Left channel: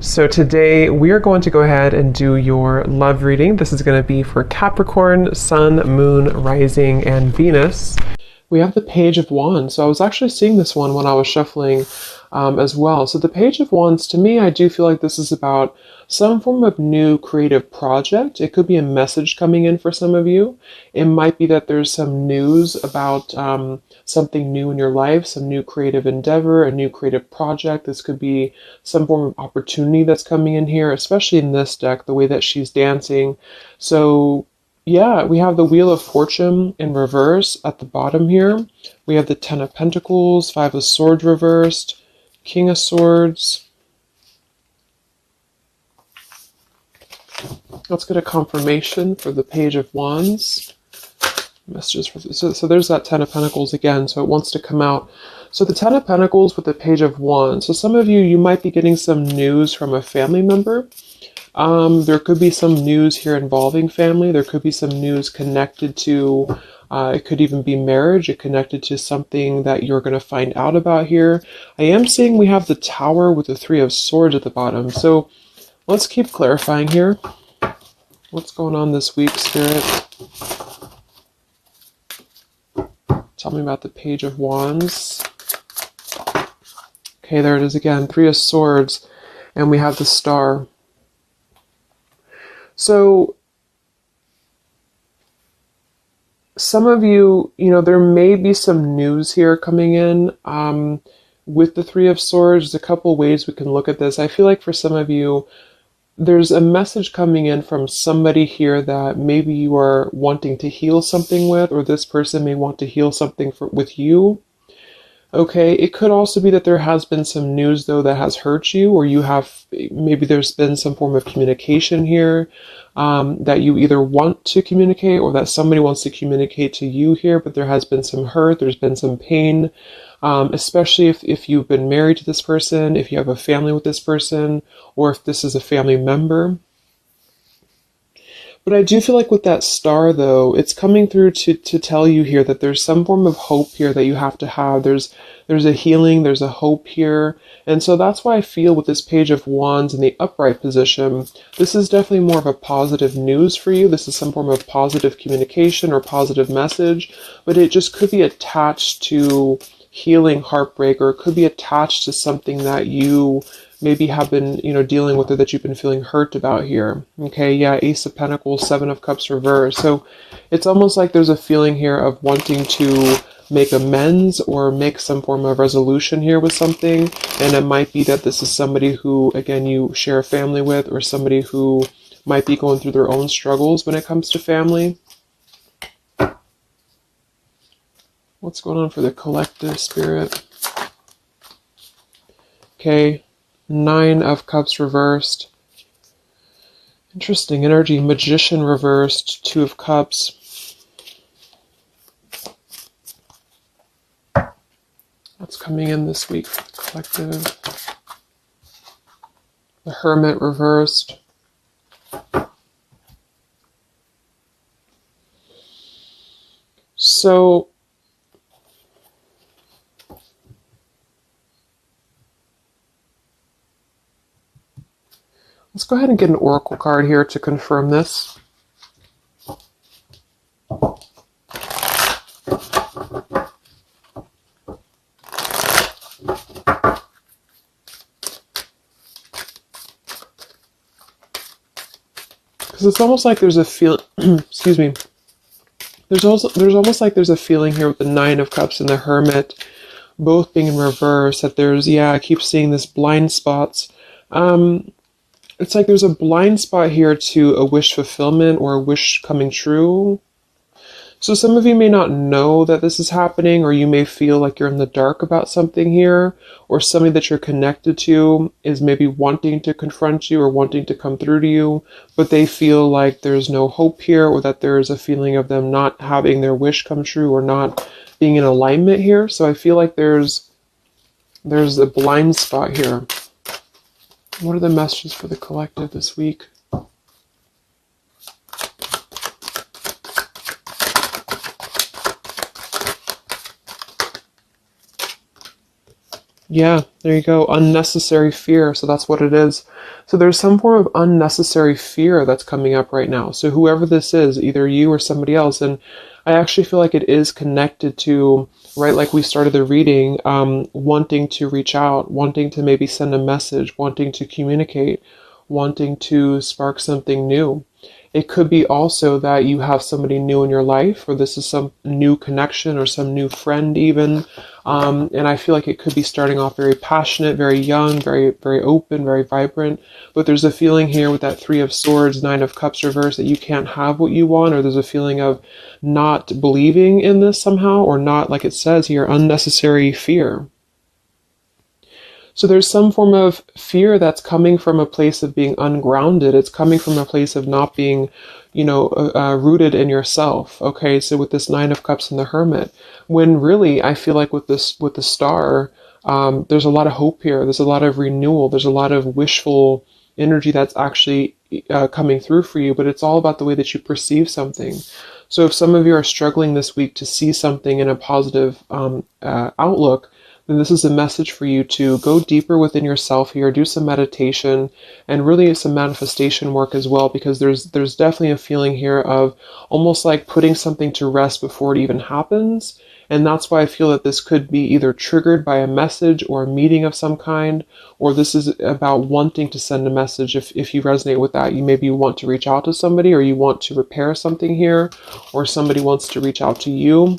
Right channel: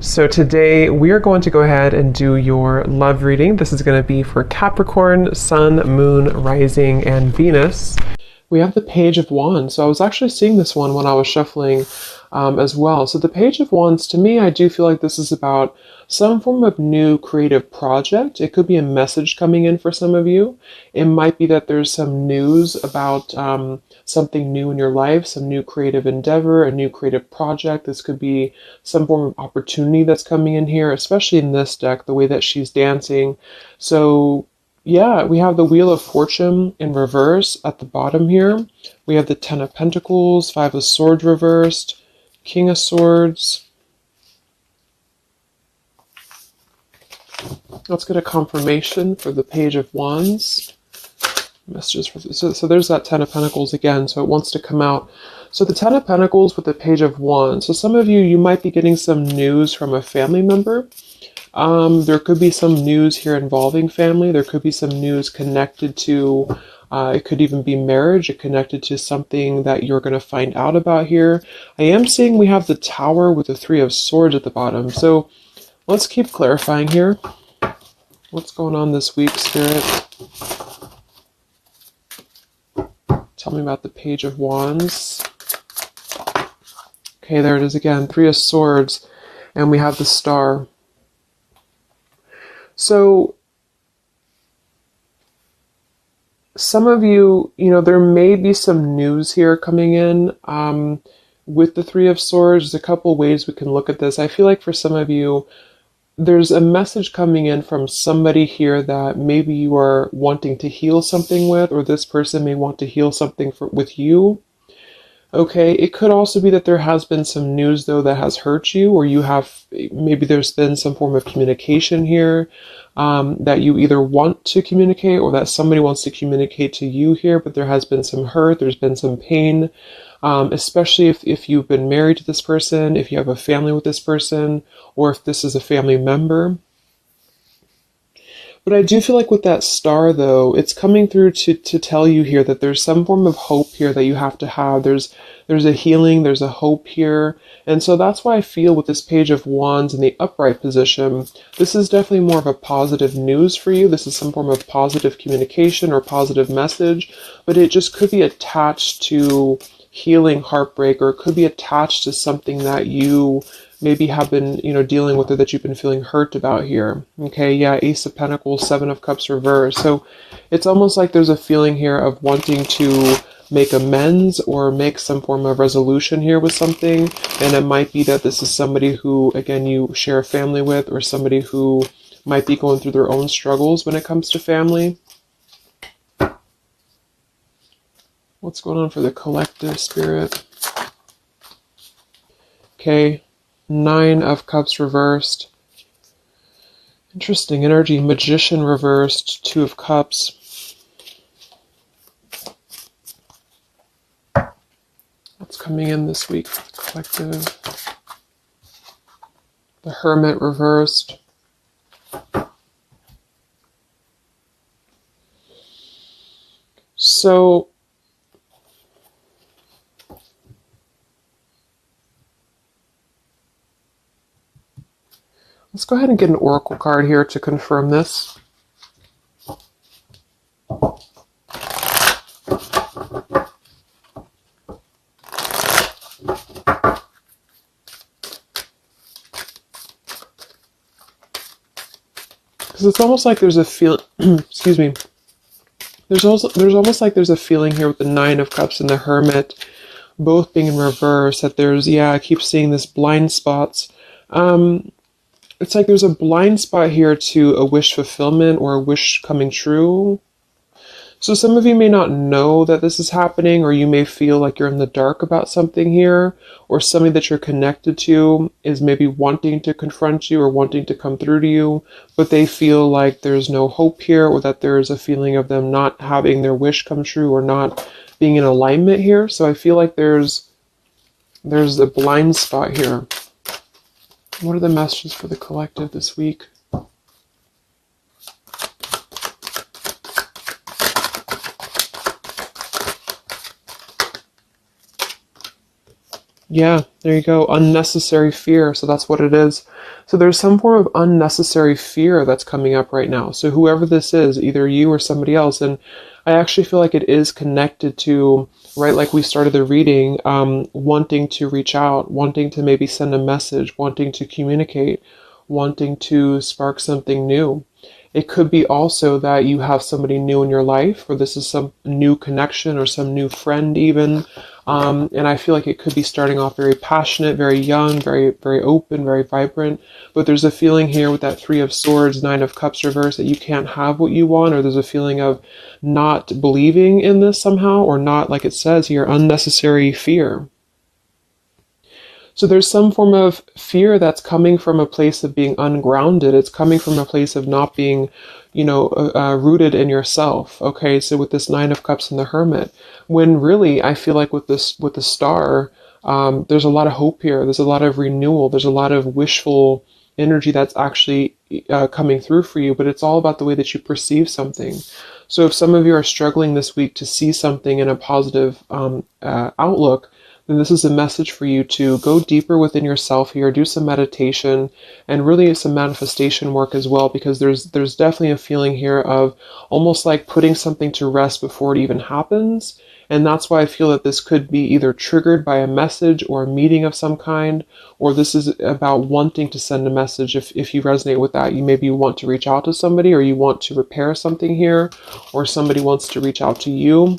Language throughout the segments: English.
So today we are going to go ahead and do your love reading. This is going to be for Capricorn, Sun, Moon, Rising, and Venus. We have the Page of Wands. So I was actually seeing this one when I was shuffling as well. So the Page of Wands, to me, I do feel like this is about some form of new creative project. It could be a message coming in for some of you. It might be that there's some news about something new in your life, some new creative endeavor, a new creative project. This could be some form of opportunity that's coming in here, especially in this deck, the way that she's dancing. So yeah, we have the Wheel of Fortune in reverse at the bottom here. We have the Ten of Pentacles, Five of Swords reversed, King of Swords. Let's get a confirmation for the Page of Wands. Messages for so there's that Ten of Pentacles again, so it wants to come out. So the Ten of Pentacles with the Page of Wands. So some of you might be getting some news from a family member. There could be some news here involving family. There could be some news connected to, it could even be marriage. It connected to something that you're going to find out about here. I am seeing we have the Tower with the Three of Swords at the bottom. So let's keep clarifying here. What's going on this week, Spirit? Tell me about the Page of Wands. Okay, there it is again. Three of Swords. And we have the Star. So, some of you, there may be some news here coming in with the Three of Swords. There's a couple ways we can look at this. I feel like for some of you, there's a message coming in from somebody here that maybe you are wanting to heal something with, or this person may want to heal something with you. Okay, it could also be that there has been some news, though, that has hurt you, or maybe there's been some form of communication here that you either want to communicate or that somebody wants to communicate to you here, but there has been some hurt, there's been some pain, especially if you've been married to this person, if you have a family with this person, or if this is a family member. But I do feel like with that Star, though, it's coming through to tell you here that there's some form of hope here that you have to have. There's a healing, there's a hope here. And so that's why I feel with this Page of Wands in the upright position, this is definitely more of a positive news for you. This is some form of positive communication or positive message, but it just could be attached to healing heartbreak, or it could be attached to something that you maybe have been, dealing with, or that you've been feeling hurt about here. Okay, yeah, Ace of Pentacles, Seven of Cups reversed. So it's almost like there's a feeling here of wanting to make amends or make some form of resolution here with something. And it might be that this is somebody who, again, you share a family with, or somebody who might be going through their own struggles when it comes to family. What's going on for the collective, Spirit? Okay. Nine of Cups reversed. Interesting energy. Magician reversed. Two of Cups. What's coming in this week for the collective? The Hermit reversed. So let's go ahead and get an oracle card here to confirm this. Because it's almost like there's a feel. Excuse me. There's almost like there's a feeling here with the Nine of Cups and the Hermit, both being in reverse. That I keep seeing this blind spots. It's like there's a blind spot here to a wish fulfillment or a wish coming true. So some of you may not know that this is happening, or you may feel like you're in the dark about something here, or somebody that you're connected to is maybe wanting to confront you or wanting to come through to you, but they feel like there's no hope here, or that there's a feeling of them not having their wish come true or not being in alignment here. So I feel like there's a blind spot here. What are the messages for the collective this week? Yeah, there you go. Unnecessary fear. So that's what it is. So there's some form of unnecessary fear that's coming up right now. So whoever this is, either you or somebody else, and I actually feel like it is connected to, right, like we started the reading, wanting to reach out, wanting to maybe send a message, wanting to communicate, wanting to spark something new. It could be also that you have somebody new in your life, or this is some new connection or some new friend even. And I feel like it could be starting off very passionate, very young, very, very open, very vibrant. But there's a feeling here with that Three of Swords, Nine of Cups reverse, that you can't have what you want, or there's a feeling of not believing in this somehow, or not, like it says here, unnecessary fear. So there's some form of fear that's coming from a place of being ungrounded. It's coming from a place of not being, rooted in yourself. Okay, so with this Nine of Cups and the Hermit, when really I feel like with the Star, there's a lot of hope here. There's a lot of renewal. There's a lot of wishful energy that's actually coming through for you. But it's all about the way that you perceive something. So if some of you are struggling this week to see something in a positive outlook, then this is a message for you to go deeper within yourself here, do some meditation, and really some manifestation work as well, because there's definitely a feeling here of almost like putting something to rest before it even happens. And that's why I feel that this could be either triggered by a message or a meeting of some kind, or this is about wanting to send a message. If you resonate with that, you want to reach out to somebody, or you want to repair something here, or somebody wants to reach out to you.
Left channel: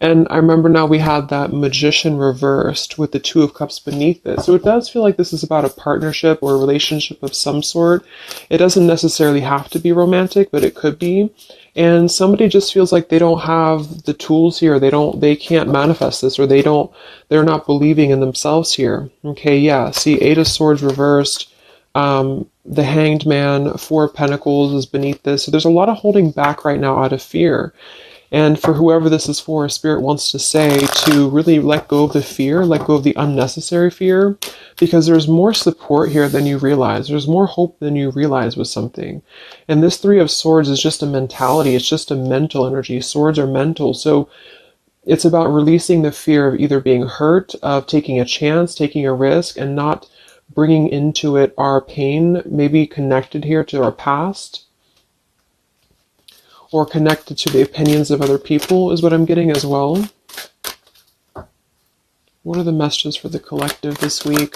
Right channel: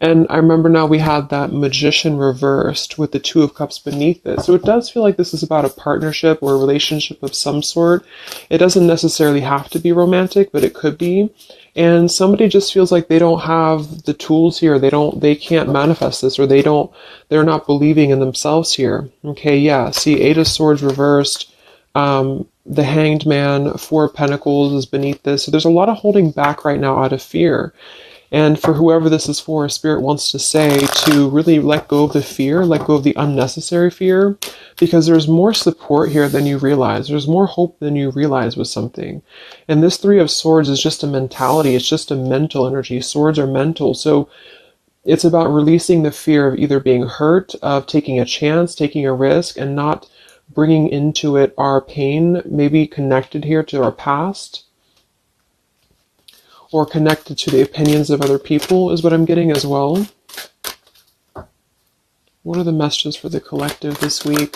And I remember now we have that Magician reversed with the Two of Cups beneath it. So it does feel like this is about a partnership or a relationship of some sort. It doesn't necessarily have to be romantic, but it could be. And somebody just feels like they don't have the tools here. They can't manifest this, or they're not believing in themselves here. Okay, yeah. See, Eight of Swords reversed. The Hanged Man, Four of Pentacles is beneath this. So there's a lot of holding back right now out of fear. And for whoever this is for, Spirit wants to say to really let go of the fear, let go of the unnecessary fear, because there's more support here than you realize. There's more hope than you realize with something. And this Three of Swords is just a mentality. It's just a mental energy. Swords are mental. So it's about releasing the fear of either being hurt, of taking a chance, taking a risk, and not bringing into it our pain, maybe connected here to our past, or connected to the opinions of other people is what I'm getting as well. What are the messages for the collective this week?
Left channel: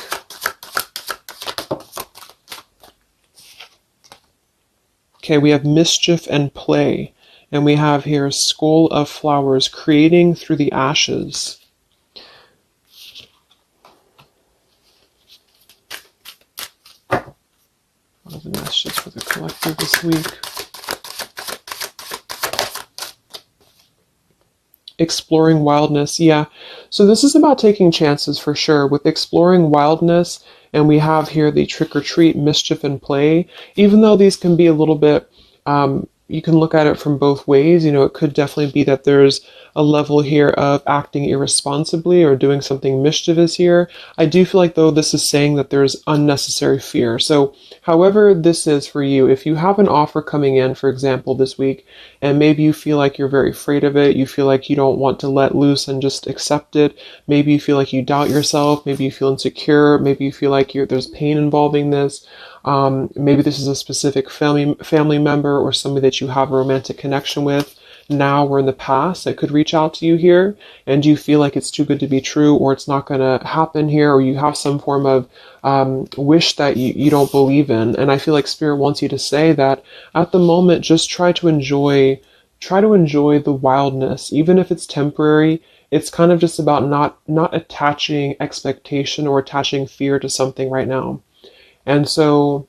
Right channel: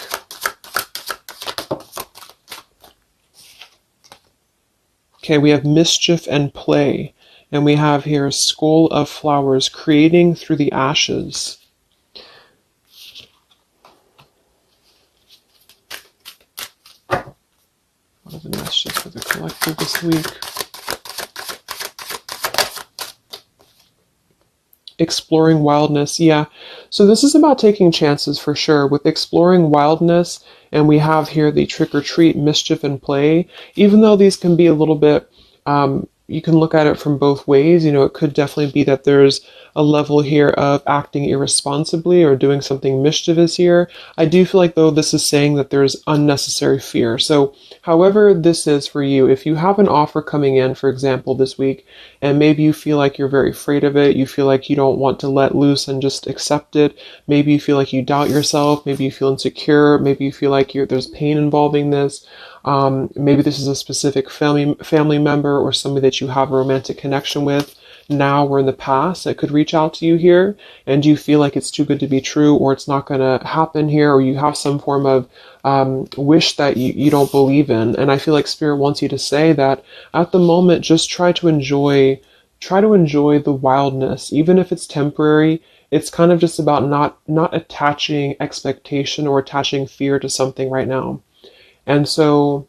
Okay, we have mischief and play. And we have here Skull of Flowers, creating through the ashes. What are the messages for the collective this week? Exploring wildness. Yeah. So this is about taking chances for sure with exploring wildness. And we have here the trick or treat, mischief and play. Even though these can be a little bit, you can look at it from both ways. It could definitely be that there's a level here of acting irresponsibly or doing something mischievous here. I do feel like, though, this is saying that there's unnecessary fear. So however this is for you, if you have an offer coming in, for example, this week, and maybe you feel like you're very afraid of it, you feel like you don't want to let loose and just accept it, maybe you feel like you doubt yourself, maybe you feel insecure, maybe you feel like there's pain involving this, maybe this is a specific family member or somebody that you have a romantic connection with now or in the past that could reach out to you here, and you feel like it's too good to be true, or it's not going to happen here, or you have some form of wish that you don't believe in. And I feel like Spirit wants you to say that at the moment, just try to enjoy the wildness, even if it's temporary. It's kind of just about not attaching expectation or attaching fear to something right now. And so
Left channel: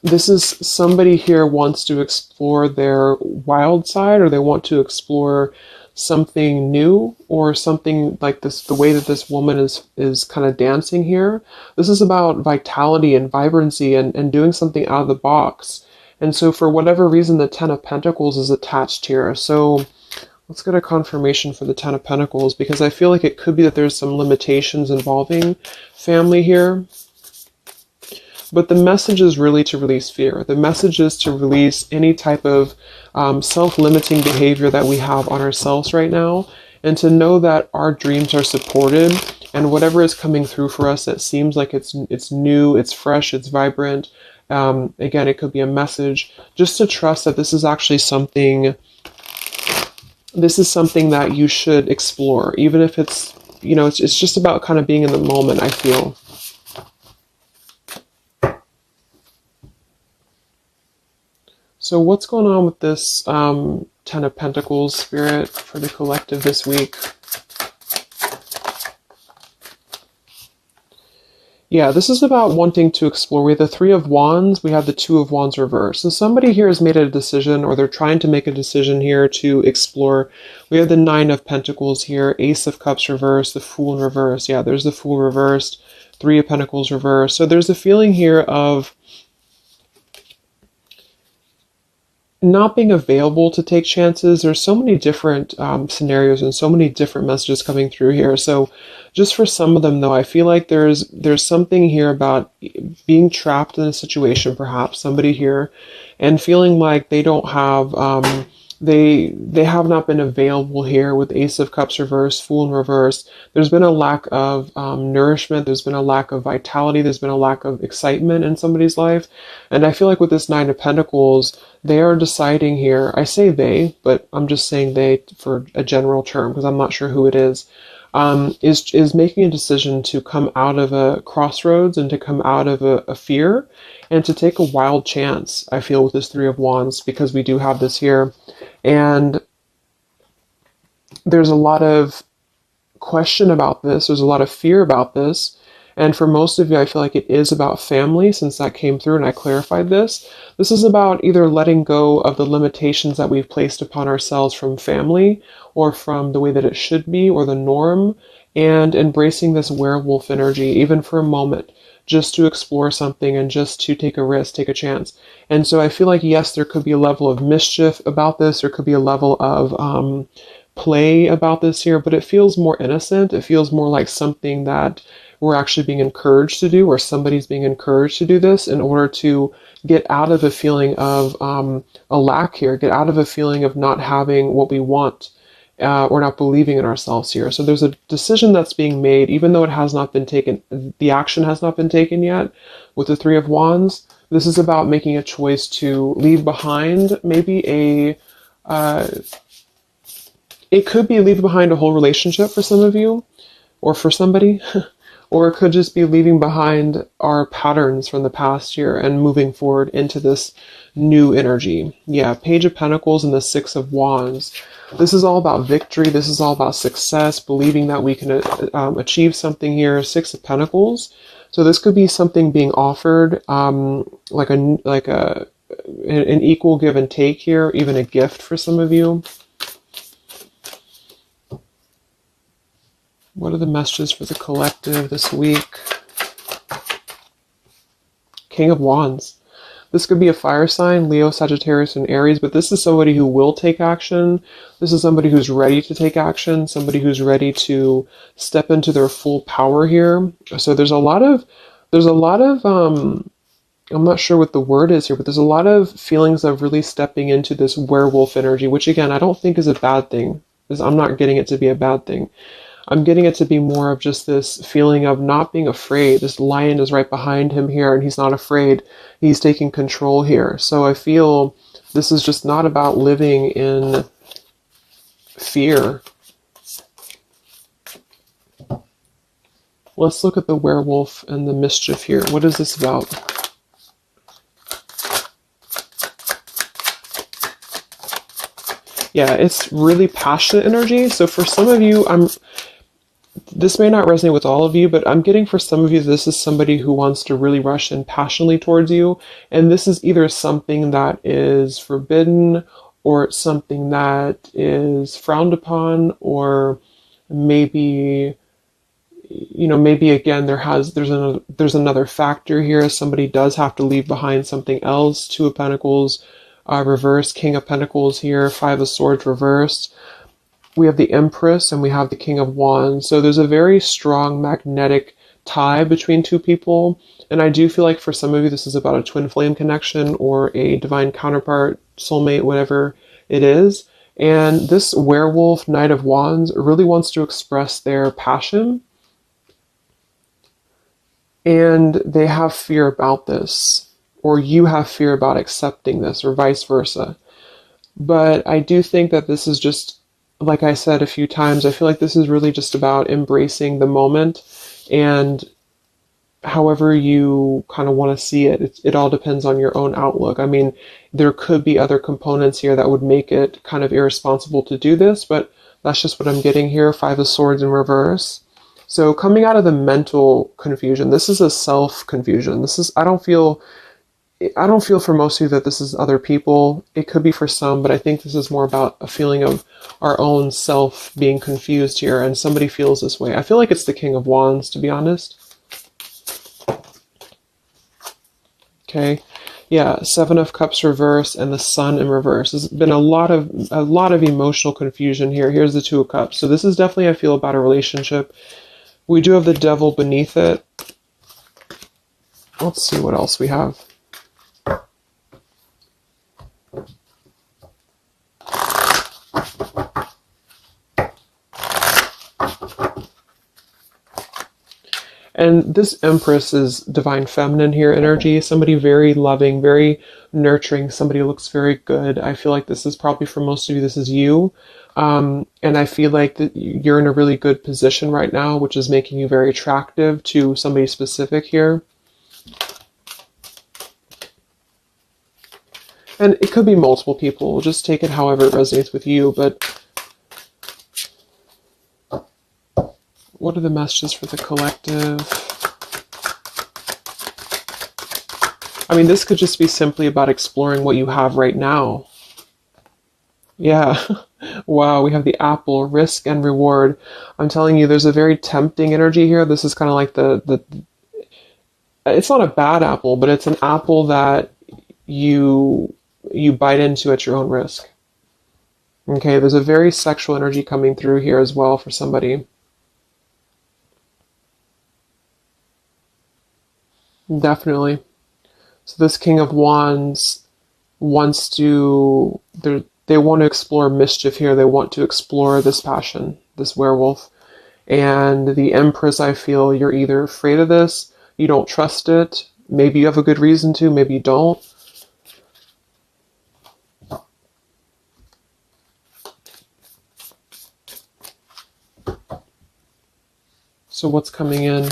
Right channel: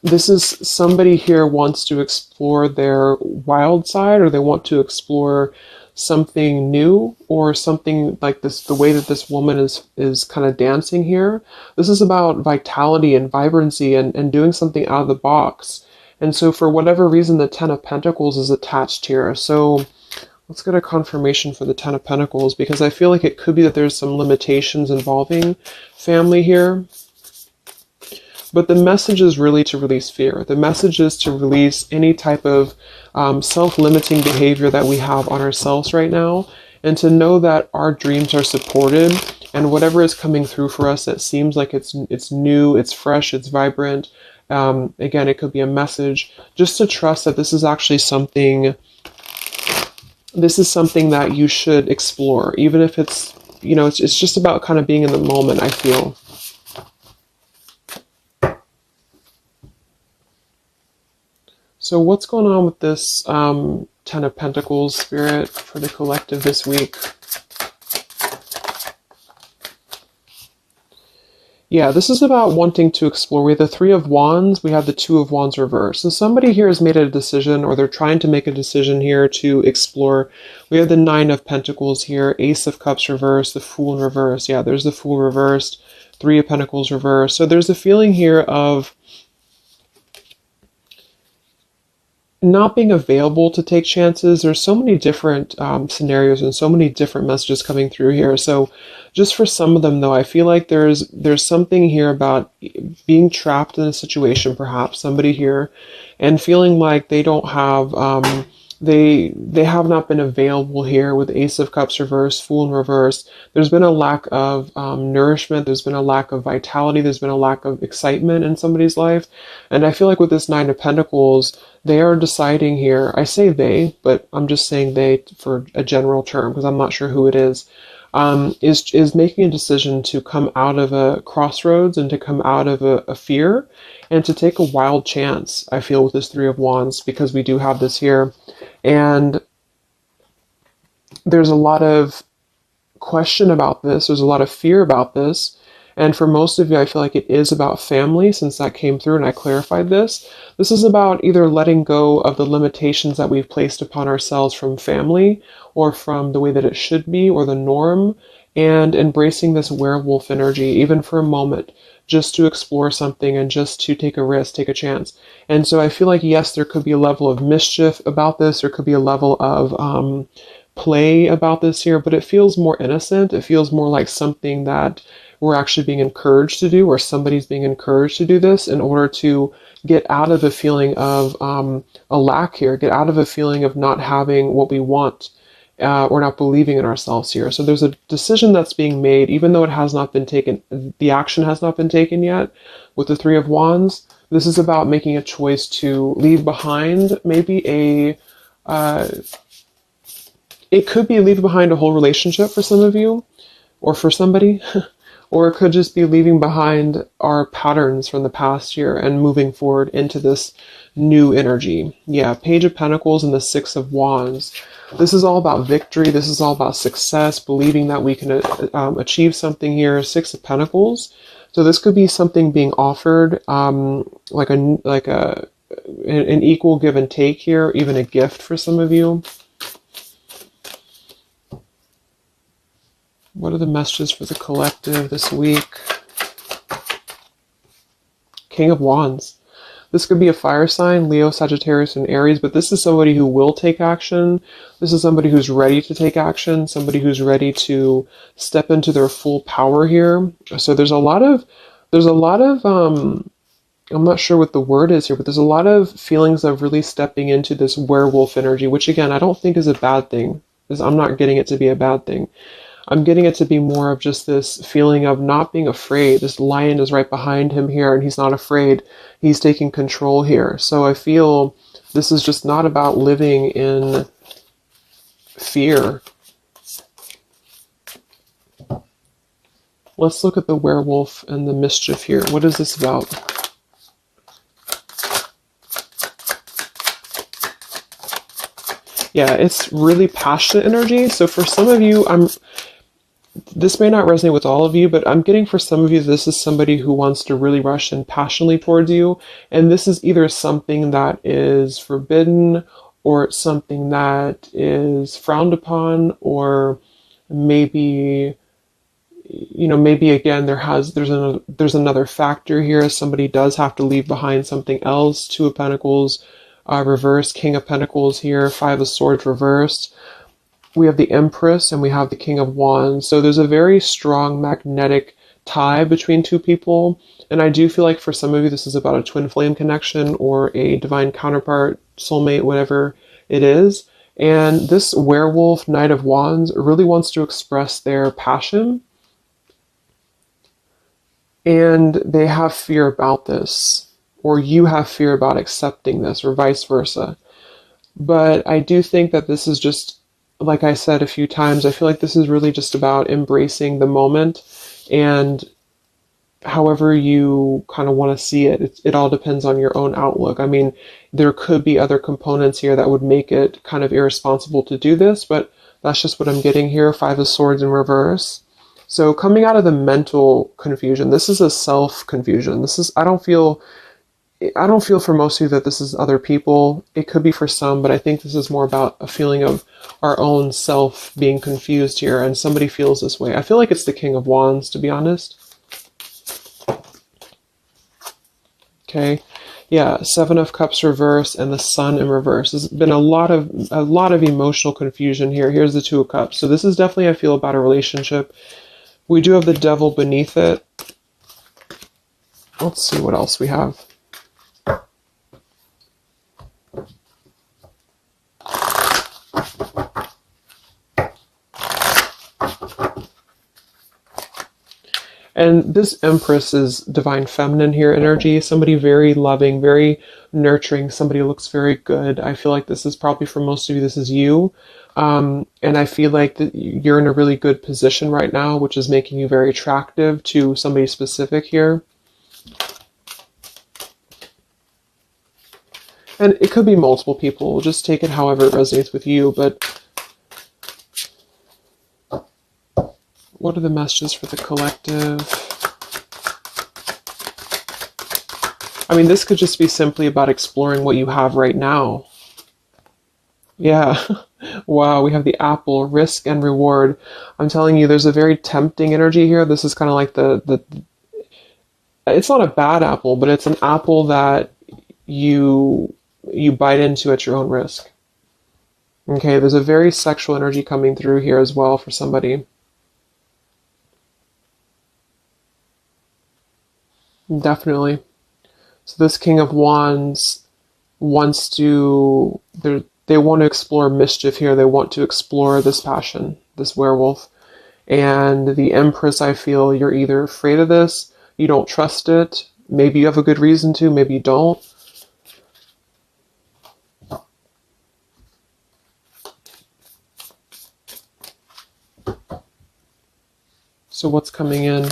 this is somebody here wants to explore their wild side, or they want to explore something new, or something like this, the way that this woman is kind of dancing here. This is about vitality and vibrancy and doing something out of the box. And so for whatever reason, the Ten of Pentacles is attached here. So let's get a confirmation for the Ten of Pentacles, because I feel like it could be that there's some limitations involving family here. But the message is really to release fear. The message is to release any type of self-limiting behavior that we have on ourselves right now, and to know that our dreams are supported, and whatever is coming through for us that seems like it's new, it's fresh, it's vibrant. Again, it could be a message, just to trust that this is actually something. This is something that you should explore, even if it's, you know, it's just about kind of being in the moment, I feel. So what's going on with this Ten of Pentacles, Spirit, for the collective this week? Yeah, this is about wanting to explore. We have the Three of Wands, we have the Two of Wands reversed. So somebody here has made a decision, or they're trying to make a decision here to explore. We have the Nine of Pentacles here, Ace of Cups reversed, the Fool in reverse. Yeah, there's the Fool reversed, Three of Pentacles reversed. So there's a feeling here of not being available to take chances. There's so many different scenarios and so many different messages coming through here. So just for some of them, though, I feel like there's something here about being trapped in a situation, perhaps somebody here, and feeling like they don't have they have not been available here with Ace of Cups reversed, Fool in reverse. There's been a lack of nourishment. There's been a lack of vitality. There's been a lack of excitement in somebody's life. And I feel like with this Nine of Pentacles, they are deciding here, I say they, but I'm just saying they for a general term because I'm not sure who it is making a decision to come out of a crossroads and to come out of a fear and to take a wild chance, I feel, with this Three of Wands, because we do have this here. And there's a lot of question about this. There's a lot of fear about this. And for most of you, I feel like it is about family, since that came through and I clarified this. This is about either letting go of the limitations that we've placed upon ourselves from family, or from the way that it should be, or the norm, and embracing this werewolf energy, even for a moment, just to explore something and just to take a risk, take a chance. And so I feel like, yes, there could be a level of mischief about this. There could be a level of play about this here, but it feels more innocent. It feels more like something that we're actually being encouraged to do, or somebody's being encouraged to do this in order to get out of a feeling of a lack here, get out of a feeling of not having what we want, or not believing in ourselves here. So there's a decision that's being made, even though it has not been taken, the action has not been taken yet with the Three of Wands. This is about making a choice to leave behind maybe it could be leaving behind a whole relationship for some of you, or for somebody. Or it could just be leaving behind our patterns from the past year and moving forward into this new energy. Yeah, Page of Pentacles and the Six of Wands. This is all about victory. This is all about success, believing that we can achieve something here. Six of Pentacles. So this could be something being offered, like an equal give and take here, even a gift for some of you. What are the messages for the collective this week? King of Wands. This could be a fire sign, Leo, Sagittarius, and Aries, but this is somebody who will take action. This is somebody who's ready to take action, somebody who's ready to step into their full power here. So there's a lot of, I'm not sure what the word is here, but there's a lot of feelings of really stepping into this werewolf energy, which again, I don't think is a bad thing, because I'm not getting it to be a bad thing. I'm getting it to be more of just this feeling of not being afraid. This lion is right behind him here, and he's not afraid. He's taking control here. So I feel this is just not about living in fear. Let's look at the werewolf and the mischief here. What is this about? Yeah, it's really passionate energy. So for some of you, this may not resonate with all of you, but I'm getting for some of you, this is somebody who wants to really rush in passionately towards you. And this is either something that is forbidden, or it's something that is frowned upon, or maybe, maybe again, there's another factor here. Somebody does have to leave behind something else. Two of Pentacles reversed, King of Pentacles here, Five of Swords reversed. We have the Empress and we have the King of Wands. So there's a very strong magnetic tie between two people. And I do feel like for some of you, this is about a twin flame connection or a divine counterpart, soulmate, whatever it is. And this werewolf, Knight of Wands, really wants to express their passion. And they have fear about this, or you have fear about accepting this, or vice versa. But I do think that this is just, like I said a few times, I feel like this is really just about embracing the moment, and however you kind of want to see it, it all depends on your own outlook. I mean, there could be other components here that would make it kind of irresponsible to do this, but that's just what I'm getting here. Five of Swords in reverse. So coming out of the mental confusion, this is a self-confusion. This is, I don't feel for most of you that this is other people. It could be for some, but I think this is more about a feeling of our own self being confused here, and somebody feels this way. I feel like it's the King of Wands, to be honest. Okay. Yeah, Seven of Cups reverse and the Sun in reverse. There's been a lot of emotional confusion here. Here's the Two of Cups. So this is definitely, I feel, about a relationship. We do have the Devil beneath it. Let's see what else we have. And this Empress is divine feminine here energy. Somebody very loving, very nurturing. Somebody who looks very good. I feel like this is probably for most of you, this is you. And I feel like that you're in a really good position right now, which is making you very attractive to somebody specific here. And it could be multiple people. Just take it however it resonates with you. But what are the messages for the collective? I mean, this could just be simply about exploring what you have right now. Yeah. Wow, we have the apple, risk and reward. I'm telling you, there's a very tempting energy here. This is kind of like it's not a bad apple, but it's an apple that you bite into at your own risk. Okay, there's a very sexual energy coming through here as well for somebody. Definitely. So this King of Wands wants to, they want to explore mischief here. They want to explore this passion, this werewolf. And the Empress, I feel you're either afraid of this, you don't trust it, maybe you have a good reason to, maybe you don't. So what's coming in?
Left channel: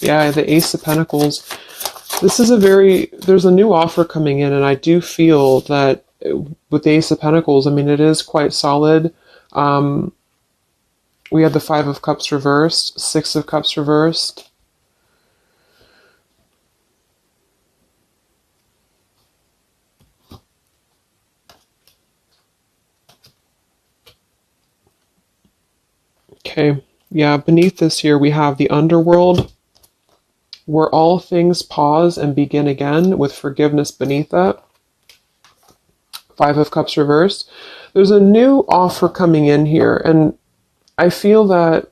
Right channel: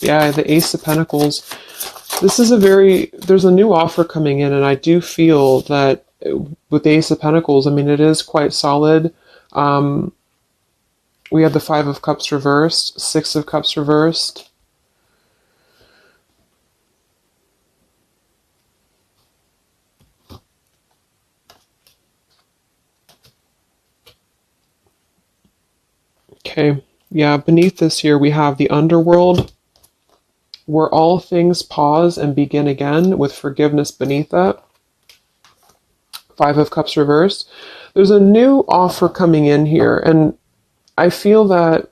Yeah, the Ace of Pentacles. This is there's a new offer coming in, and I do feel that with the Ace of Pentacles, I mean, it is quite solid. We have the Five of Cups reversed, Six of Cups reversed. Okay, yeah, beneath this here, we have the Underworld, where all things pause and begin again, with forgiveness beneath that. Five of Cups reversed. There's a new offer coming in here, and I feel that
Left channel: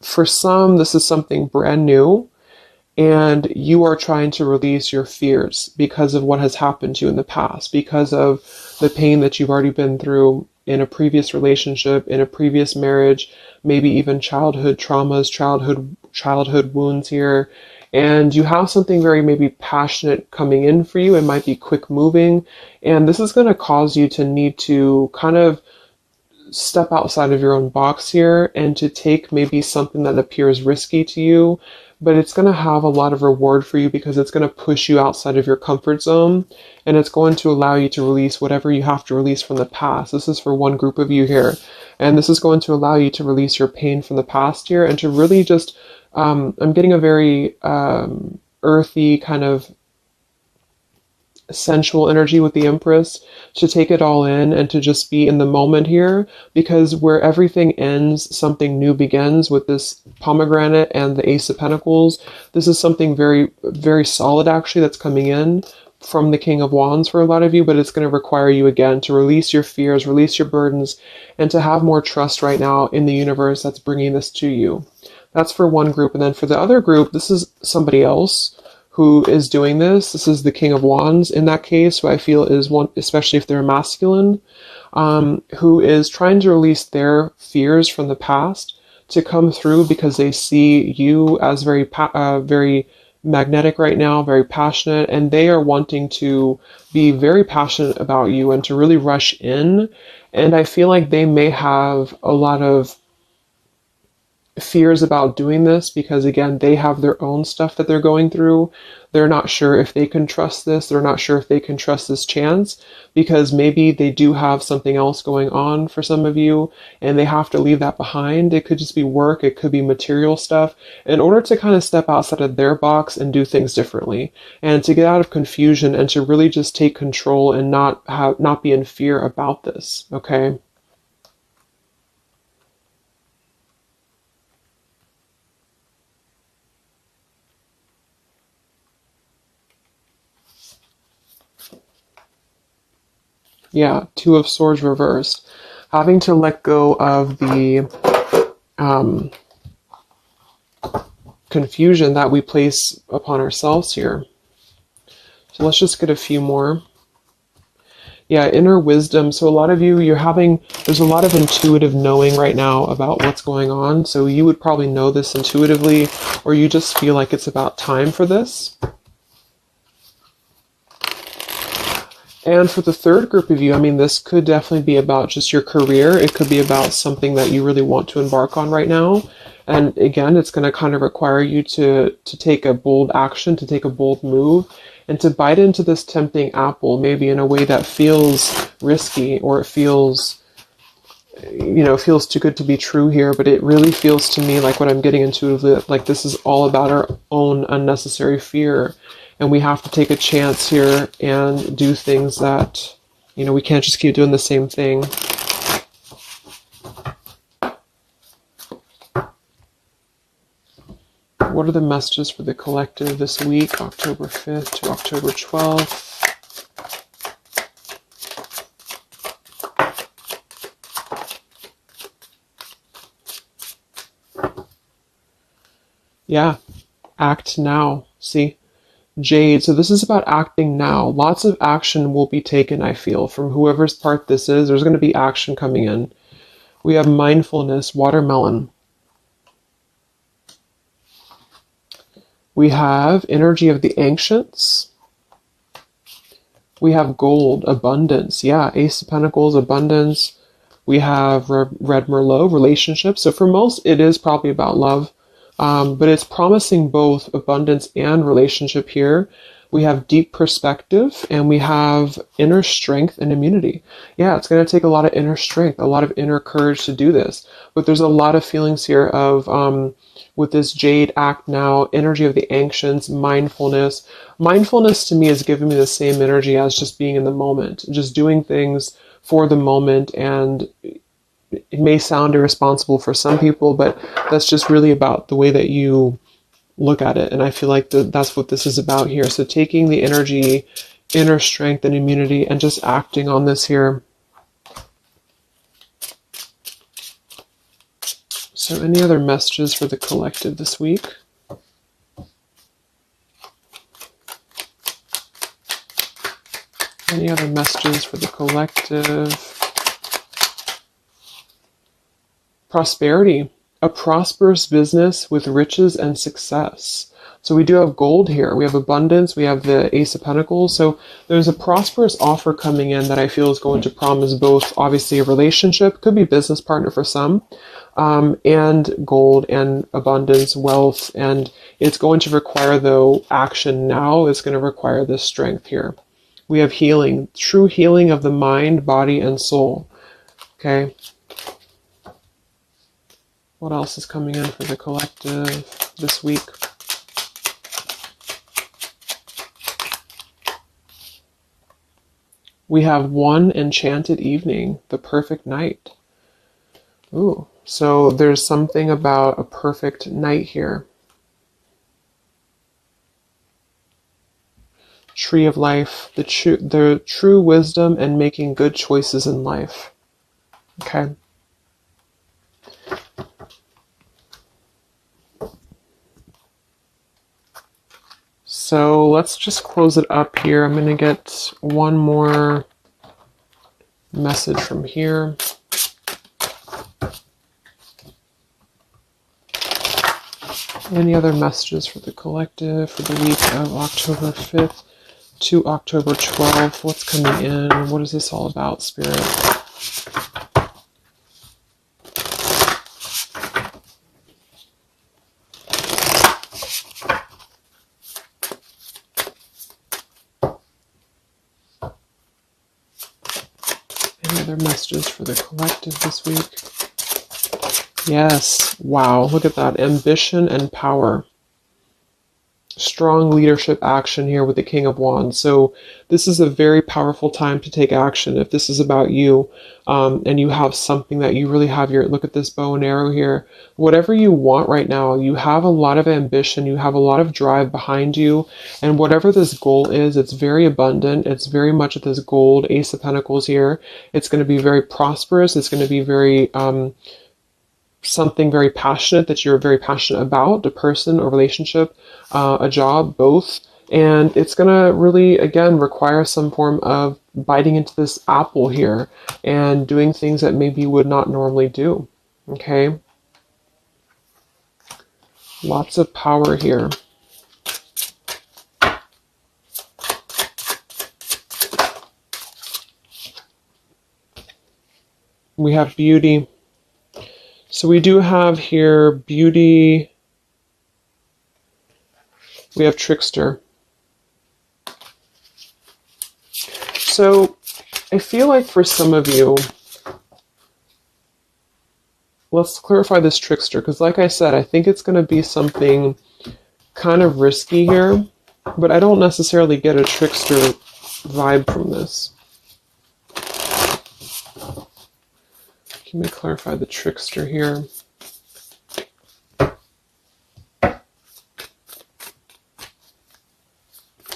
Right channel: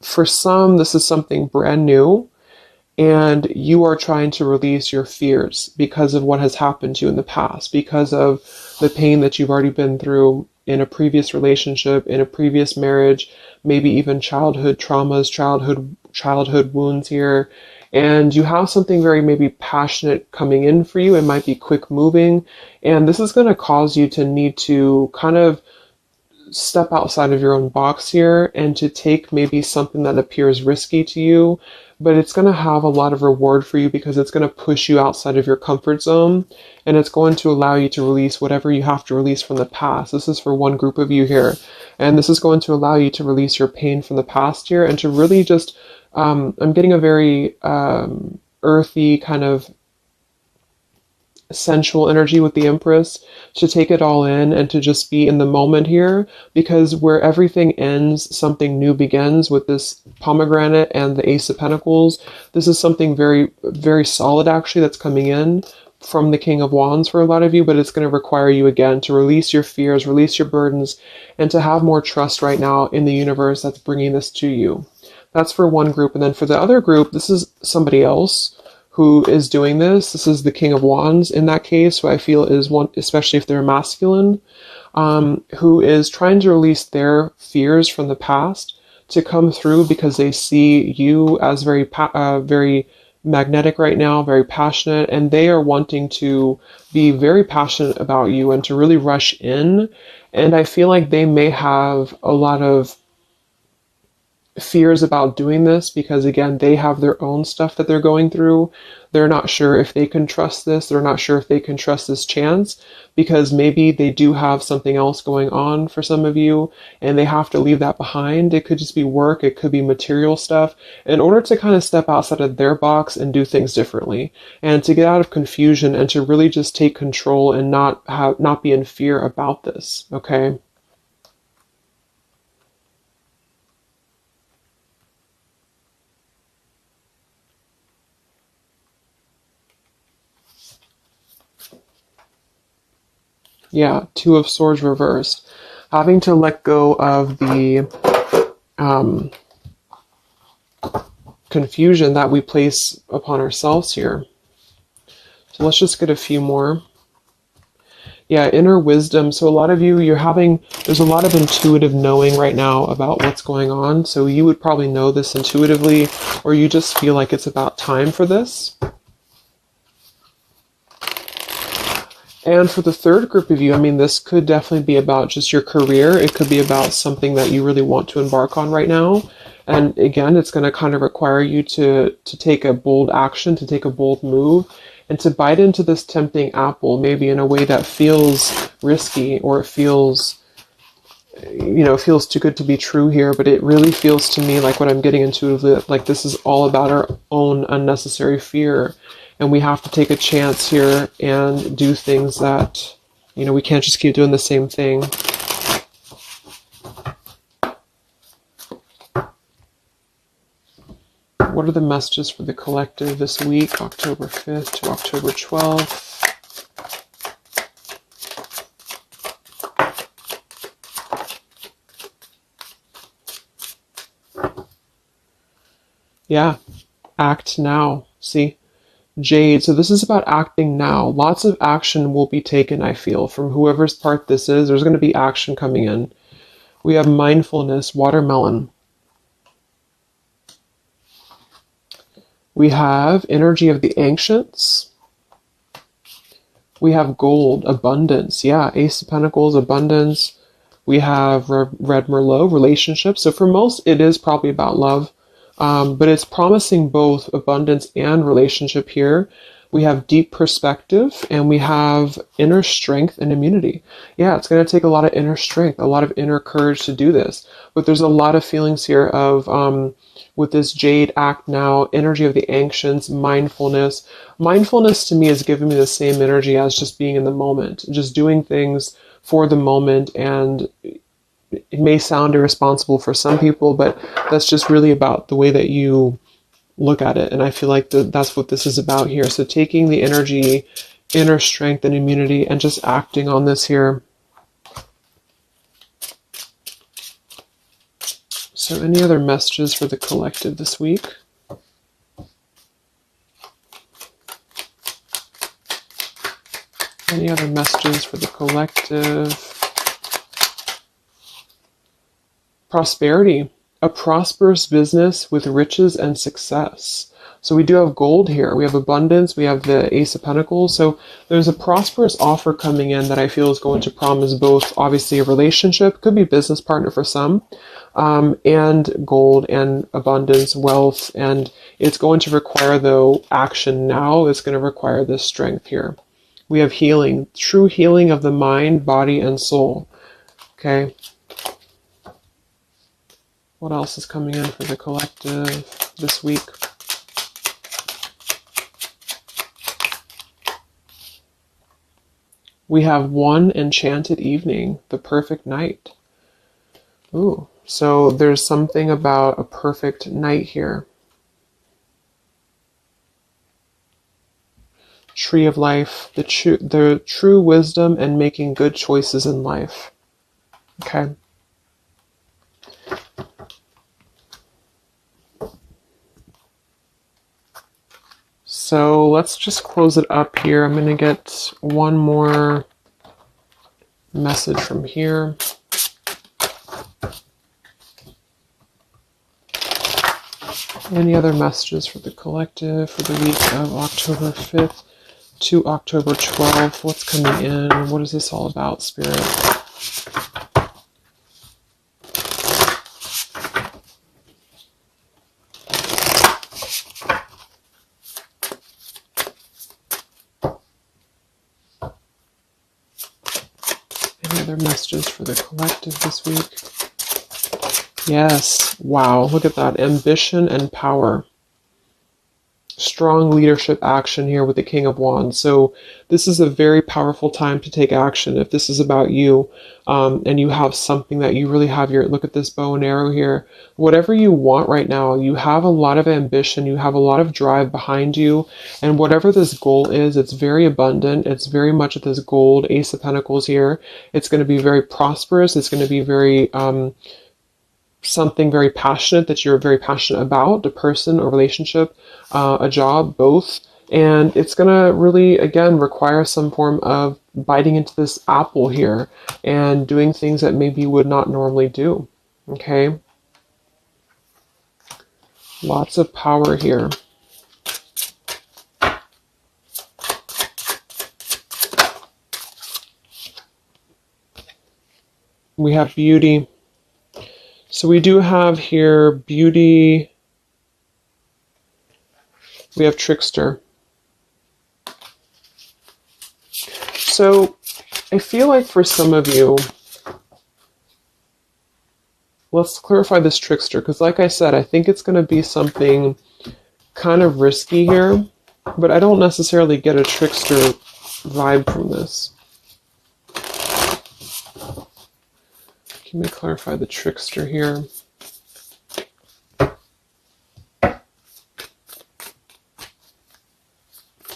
for some, this is something brand new, and you are trying to release your fears because of what has happened to you in the past, because of the pain that you've already been through in a previous relationship, in a previous marriage, maybe even childhood traumas, childhood wounds here. And you have something very maybe passionate coming in for you. It might be quick moving. And this is going to cause you to need to kind of step outside of your own box here and to take maybe something that appears risky to you, but it's going to have a lot of reward for you because it's going to push you outside of your comfort zone, and it's going to allow you to release whatever you have to release from the past. This is for one group of you here, and this is going to allow you to release your pain from the past here and to really just, I'm getting a very earthy kind of sensual energy with the Empress, to take it all in and to just be in the moment here, because where everything ends, something new begins with this pomegranate and the Ace of Pentacles. This is something very, very solid actually that's coming in from the King of Wands for a lot of you, but it's going to require you again to release your fears, release your burdens, and to have more trust right now in the universe that's bringing this to you. That's for one group. And then for the other group, this is somebody else who is doing this. This is the King of Wands in that case, who I feel is one, especially if they're masculine, who is trying to release their fears from the past to come through because they see you as very magnetic right now, very passionate, and they are wanting to be very passionate about you and to really rush in. And I feel like they may have a lot of fears about doing this because, again, they have their own stuff that they're going through. They're not sure if they can trust this. They're not sure if they can trust this chance because maybe they do have something else going on for some of you and they have to leave that behind. It could just be work. It could be material stuff in order to kind of step outside of their box and do things differently and to get out of confusion and to really just take control and not be in fear about this. Okay. Yeah, Two of Swords reversed. Having to let go of the confusion that we place upon ourselves here. So let's just get a few more. Yeah, inner wisdom. So a lot of you, there's a lot of intuitive knowing right now about what's going on. So you would probably know this intuitively, or you just feel like it's about time for this. And for the third group of you, I mean, this could definitely be about just your career. It could be about something that you really want to embark on right now. And again, it's going to kind of require you to take a bold action, to take a bold move, and to bite into this tempting apple, maybe in a way that feels risky or it feels too good to be true here. But it really feels to me like what I'm getting intuitively, like this is all about our own unnecessary fear. And we have to take a chance here and do things that, we can't just keep doing the same thing. What are the messages for the collective this week, October 5th to October 12th? Yeah, act now. See? Jade, so this is about acting now. Lots of action will be taken, I feel, from whoever's part this is. There's going to be action coming in. We have mindfulness, watermelon. We have energy of the ancients. We have gold, abundance. Yeah, Ace of Pentacles, abundance. We have Red Merlot, relationships. So for most, it is probably about love. But it's promising both abundance and relationship here. We have deep perspective and we have inner strength and immunity. Yeah, it's going to take a lot of inner strength, a lot of inner courage to do this. But there's a lot of feelings here of, with this Jade, act now, energy of the ancients, mindfulness. Mindfulness to me is giving me the same energy as just being in the moment, just doing things for the moment. And it may sound irresponsible for some people, but that's just really about the way that you look at it. And I feel like that's what this is about here. So taking the energy, inner strength and immunity and just acting on this here. So any other messages for the collective this week? Any other messages for the collective? Prosperity, a prosperous business with riches and success. So we do have gold here. We have abundance. We have the Ace of Pentacles. So there's a prosperous offer coming in that I feel is going to promise both, obviously, a relationship, could be a business partner for some, and gold and abundance, wealth. And it's going to require, though, action now. It's going to require this strength here. We have healing, true healing of the mind, body, and soul. Okay. What else is coming in for the collective this week? We have one enchanted evening, the perfect night. Ooh, so there's something about a perfect night here. Tree of life, the true wisdom and making good choices in life. Okay. So let's just close it up here. I'm going to get one more message from here. Any other messages for the collective for the week of October 5th to October 12th? What's coming in? What is this all about, Spirit? Any other messages for the collective this week? Yes. Wow. Look at that. Ambition and power. Strong leadership action here with the King of Wands. So this is a very powerful time to take action. If this is about you, and you have something that you really have your, look at this bow and arrow here, whatever you want right now, you have a lot of ambition, you have a lot of drive behind you, and whatever this goal is, it's very abundant. It's very much at this gold Ace of Pentacles here. It's going to be very prosperous. It's going to be very, something very passionate that you're very passionate about, the person or relationship, a job, both. And it's going to really, again, require some form of biting into this apple here and doing things that maybe you would not normally do. Okay? Lots of power here. We have beauty. So we do have here beauty. We have trickster. So I feel like for some of you, let's clarify this trickster, because like I said, I think it's going to be something kind of risky here, but I don't necessarily get a trickster vibe from this. Let me clarify the trickster here.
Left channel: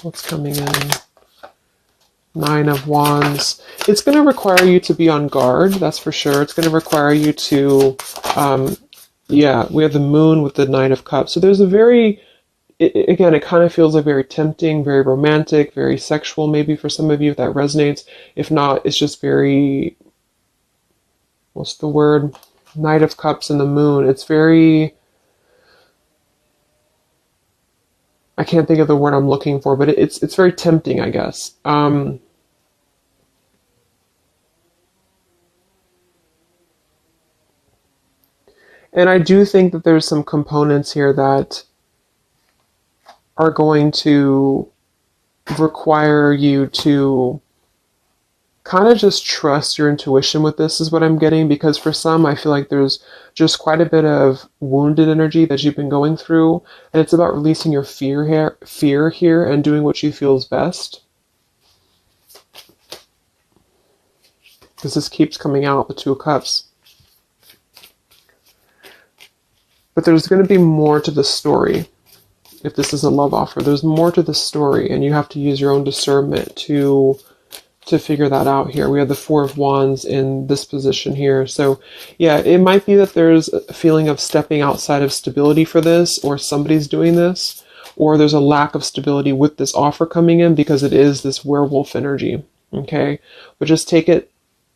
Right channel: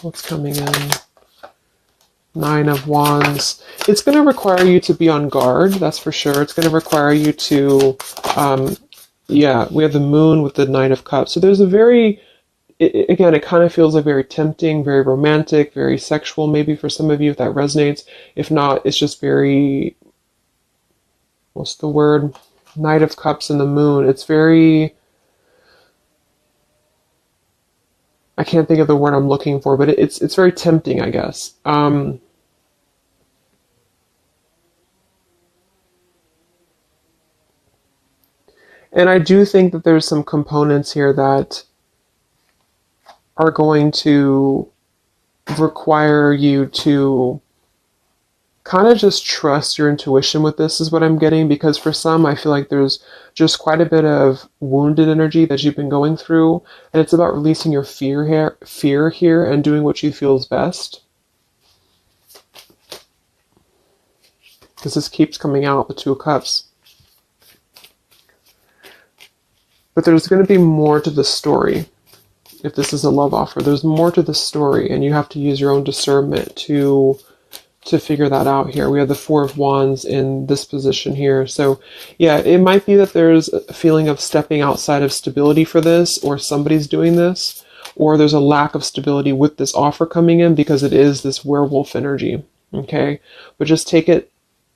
What's coming in? Nine of Wands. It's going to require you to be on guard, that's for sure. It's going to require you to, yeah, we have the Moon with the Nine of Cups. So there's a very, again, it kind of feels like very tempting, very romantic, very sexual, maybe for some of you if that resonates. If not, it's just very, what's the word? Knight of Cups and the Moon. It's very, I can't think of the word I'm looking for, but it's very tempting, I guess. And I do think that there's some components here that are going to require you to kind of just trust your intuition with this, is what I'm getting, because for some, I feel like there's just quite a bit of wounded energy that you've been going through, and it's about releasing your fear here and doing what you feel is best. Because this keeps coming out, the Two of Cups. But there's going to be more to the story. If this is a love offer, there's more to the story, and you have to use your own discernment to figure that out here. We have the Four of Wands in this position here. So yeah, it might be that there's a feeling of stepping outside of stability for this, or somebody's doing this, or there's a lack of stability with this offer coming in because it is this werewolf energy. Okay? But just take it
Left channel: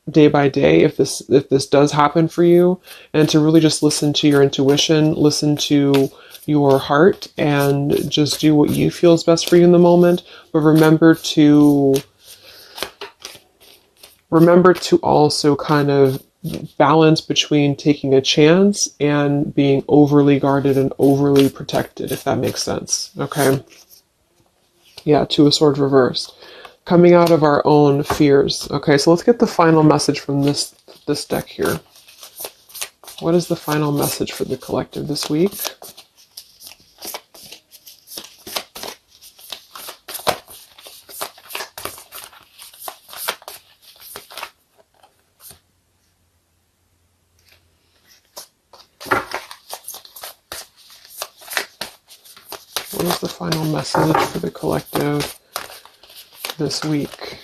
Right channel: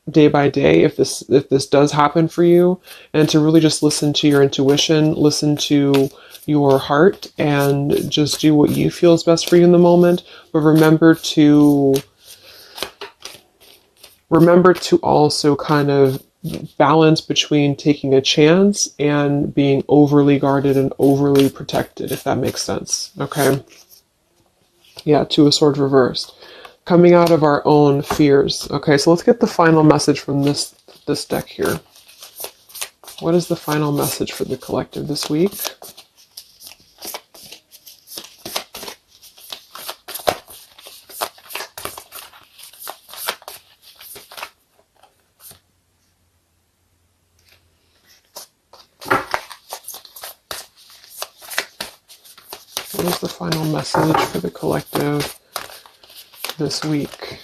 day by day if this does happen for you, and to really just listen to your intuition, listen to your heart, and just do what you feel is best for you in the moment. But remember to also kind of balance between taking a chance and being overly guarded and overly protected, if that makes sense. Okay? Yeah, Two of Swords reversed. Coming out of our own fears. Okay, so let's get the final message from this deck here. What is the final message for the collective this week? What is the final message for the collective this week.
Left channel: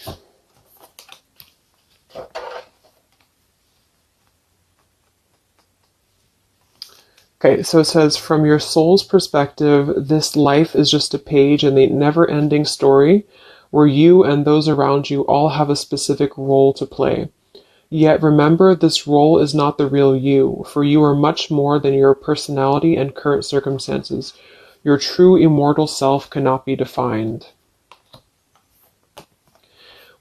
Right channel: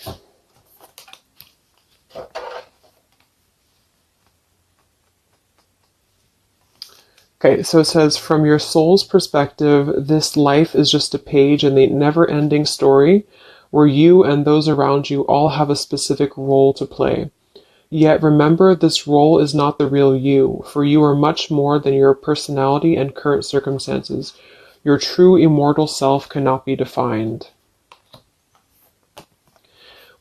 Okay, so it says, from your soul's perspective, this life is just a page in the never-ending story where you and those around you all have a specific role to play. Yet remember, this role is not the real you, for you are much more than your personality and current circumstances. Your true immortal self cannot be defined.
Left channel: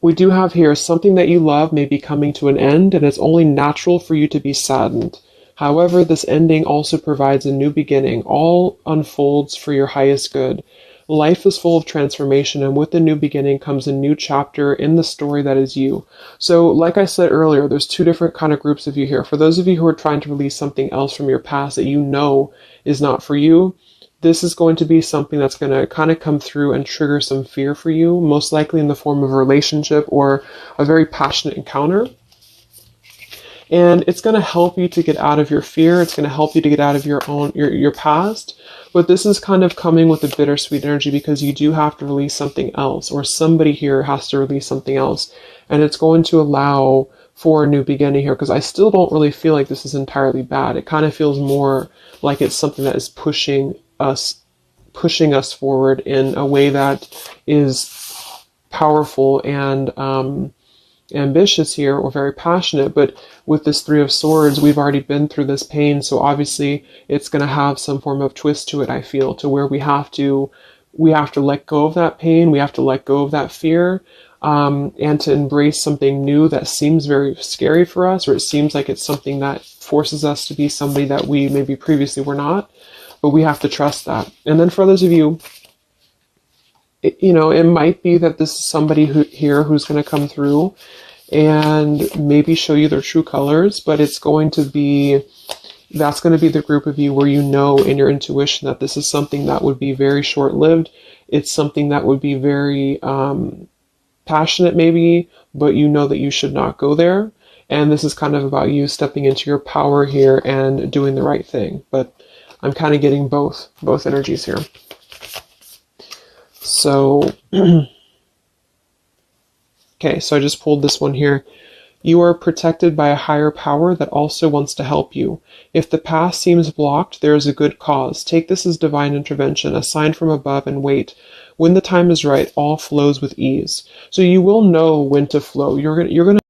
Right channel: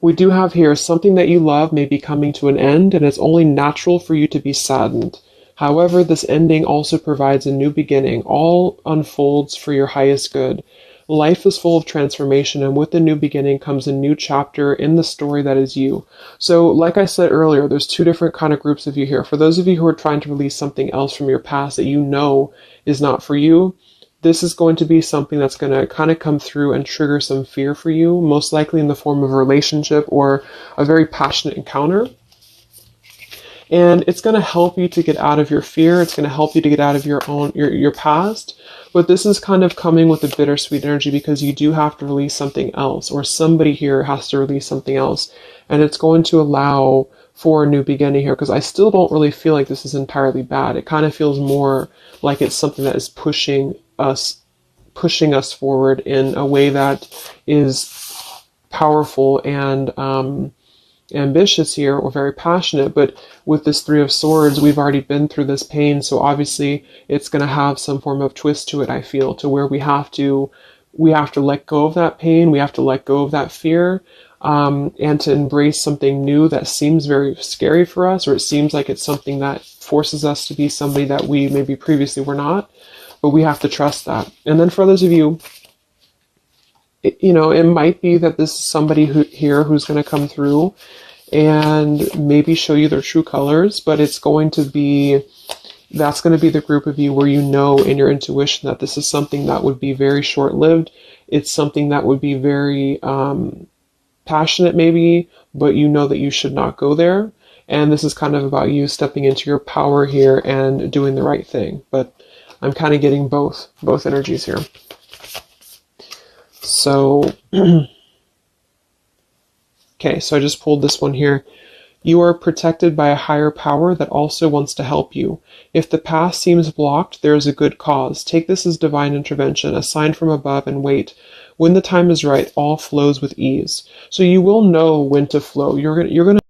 We do have here, something that you love may be coming to an end, and it's only natural for you to be saddened. However, this ending also provides a new beginning. All unfolds for your highest good. Life is full of transformation, and with the new beginning comes a new chapter in the story that is you. So, like I said earlier, there's two different kind of groups of you here. For those of you who are trying to release something else from your past that you know is not for you, this is going to be something that's going to kind of come through and trigger some fear for you, most likely in the form of a relationship or a very passionate encounter. And it's going to help you to get out of your fear. It's going to help you to get out of your past. But this is kind of coming with a bittersweet energy because you do have to release something else, or somebody here has to release something else. And it's going to allow for a new beginning here, because I still don't really feel like this is entirely bad. It kind of feels more like it's something that is pushing us forward in a way that is powerful and ambitious here, or very passionate. But with this Three of Swords, we've already been through this pain, so obviously it's going to have some form of twist to it, I feel, to where we have to let go of that pain, we have to let go of that fear, and to embrace something new that seems very scary for us, or it seems like it's something that forces us to be somebody that we maybe previously were not, but we have to trust that. And then for those of you, you know, it might be that this is somebody who's going to come through and maybe show you their true colors, but that's going to be the group of you where you know in your intuition that this is something that would be very short-lived. It's something that would be very passionate maybe, but you know that you should not go there. And this is kind of about you stepping into your power here and doing the right thing. But I'm kind of getting both energies here. So, okay, so I just pulled this one here. You are protected by a higher power that also wants to help you. If the path seems blocked, there is a good cause. Take this as divine intervention, a sign from above, and wait. When the time is right, all flows with ease. So you will know when to flow. You're gonna